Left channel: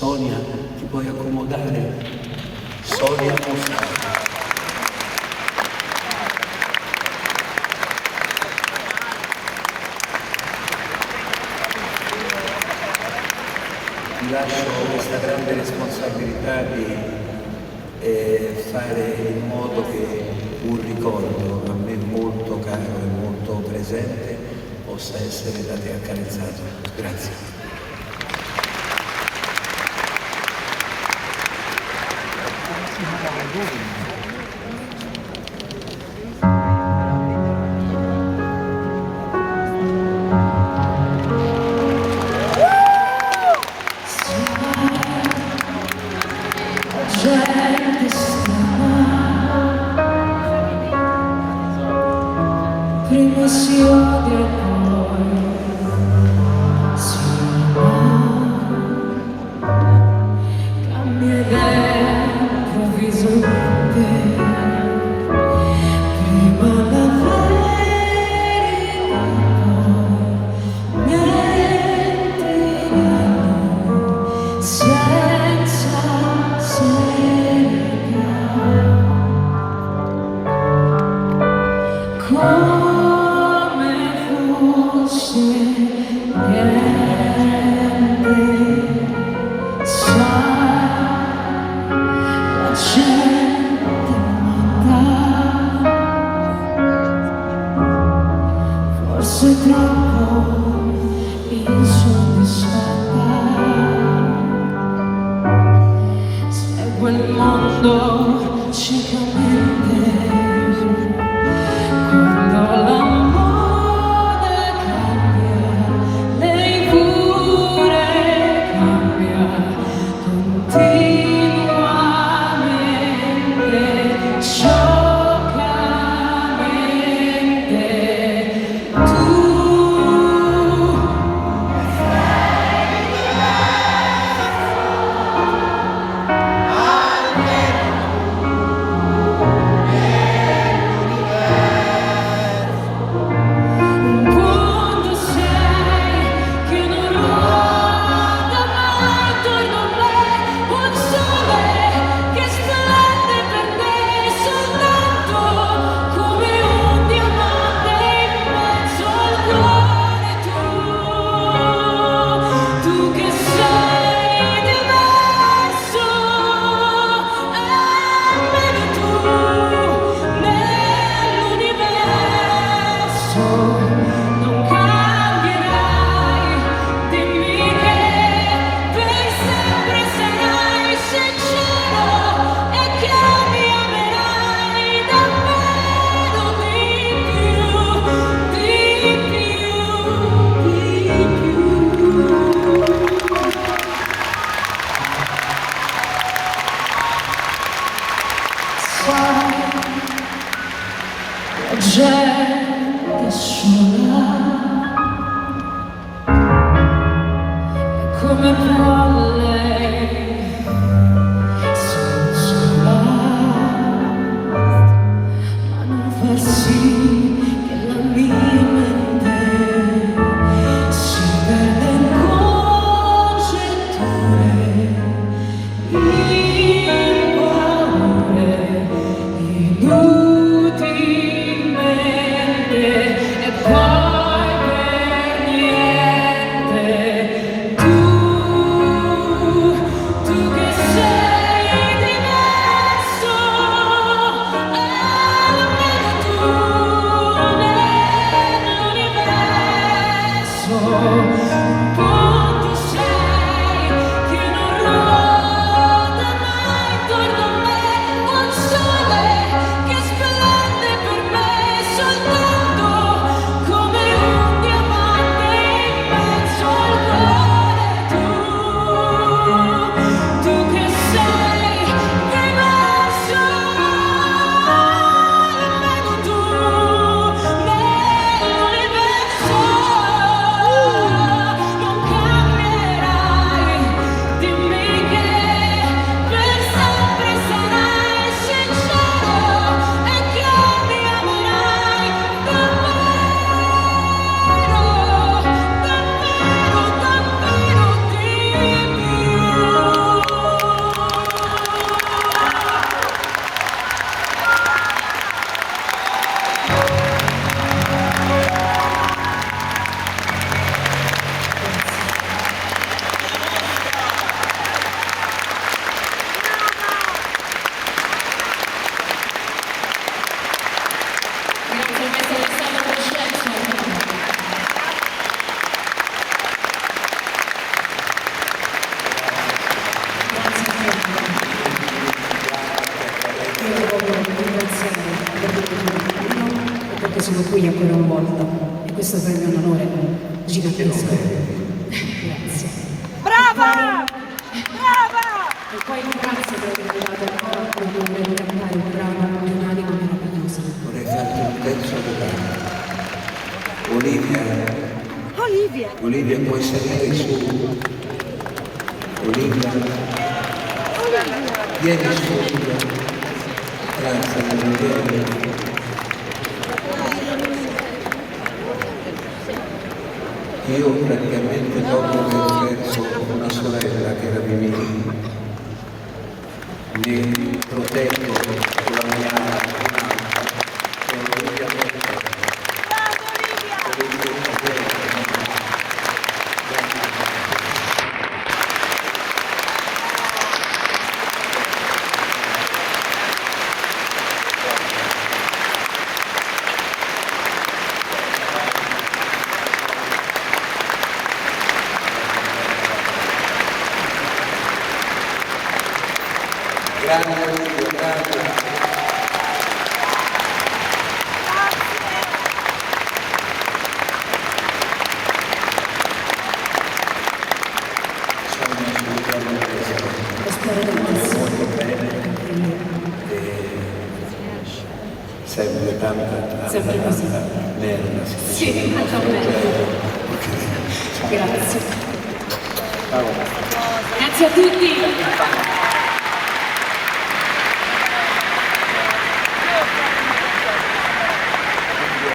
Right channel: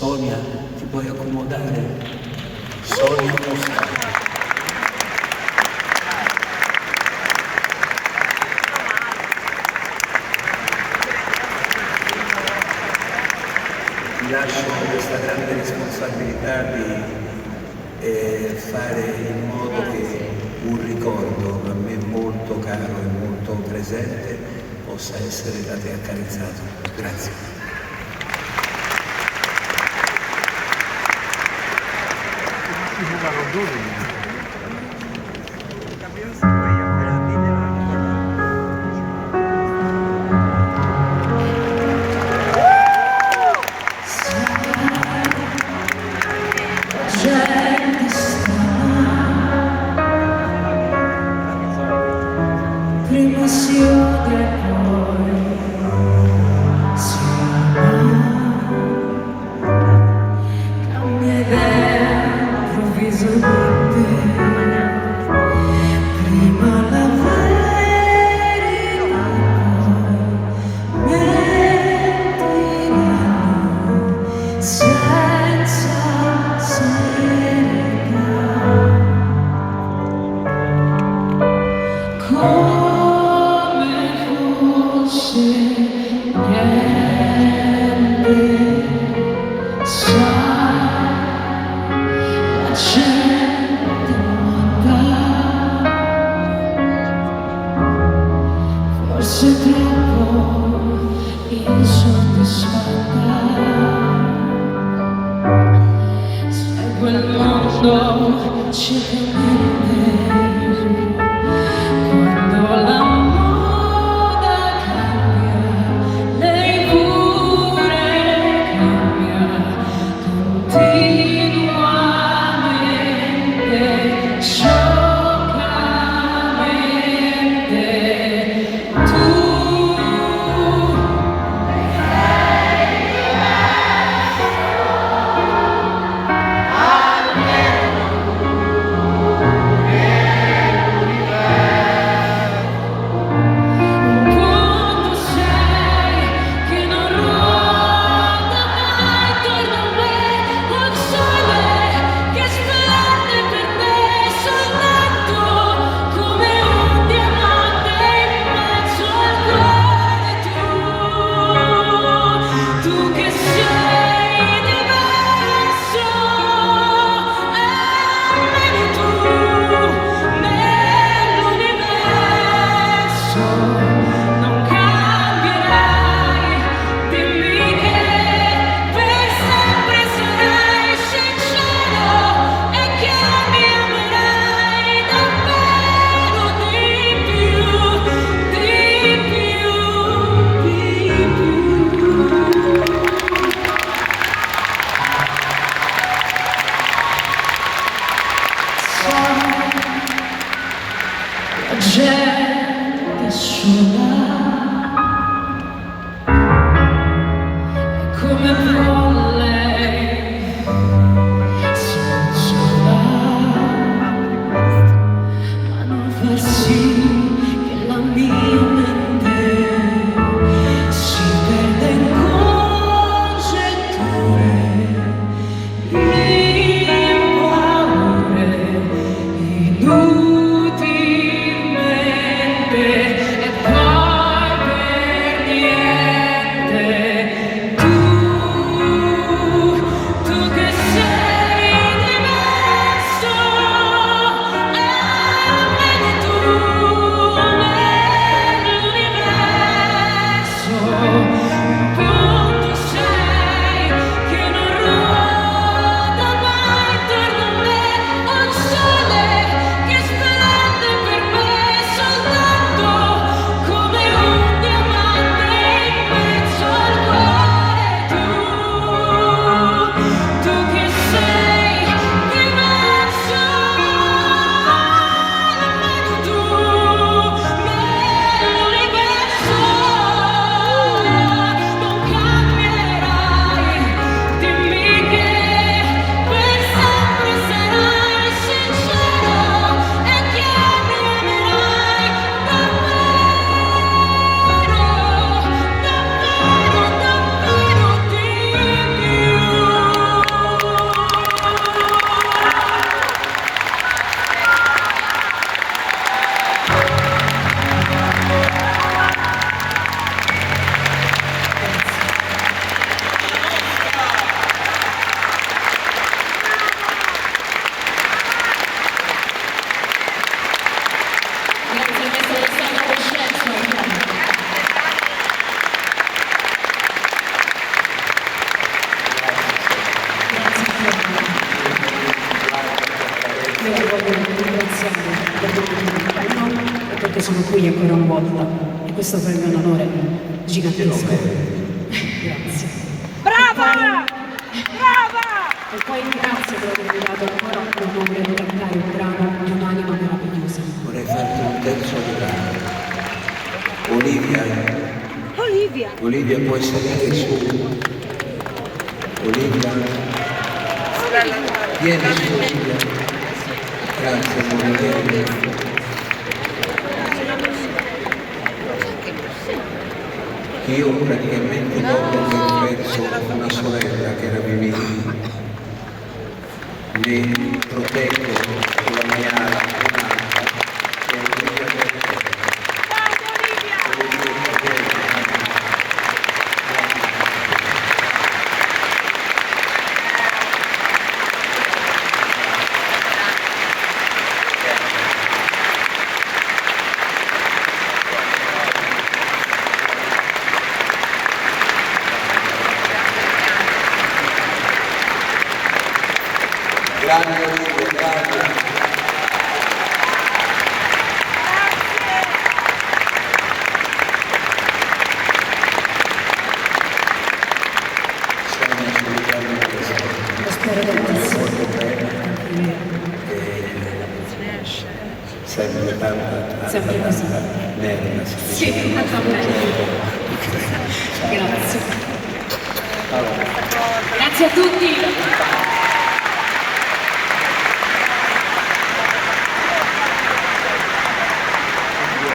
Sonia, ti puoi accomodare? Sonia Mosca. Ti lascio questa grande responsabilità di fare in modo che un ricordo a me molto caro e molto presente possa essere da te accarezzato. Grazie. Prima si odia e poi si ama, cambia idea improvvisamente. voglio ringraziare per tutto e perché sono qui ancora una volta e questo per me è un onore gigantesco. Grazie. Brava! E poi grazie per avermi dato ancora l'onore di cantare un brano di un'anima meravigliosa. Vorrei farti un terzo brano. Olivia, puoi salire su. Olivia, vieni su, Olivia. Grazie, amore, vieni. Io praticamente dopo aver perso una sorella che era Mimì, mi proteggo con la mia un'altra, che è Olivia Berto. Olivia Berto. Grande Olivia, grande. Sono assolutamente Lo spero voglio tantissimo. molto bene e sempre tanta Sempre così. nerva, si dice Sì, nel nostro anche a me. gergo. Ok. Grazie. Ciao. Grazie a tutti.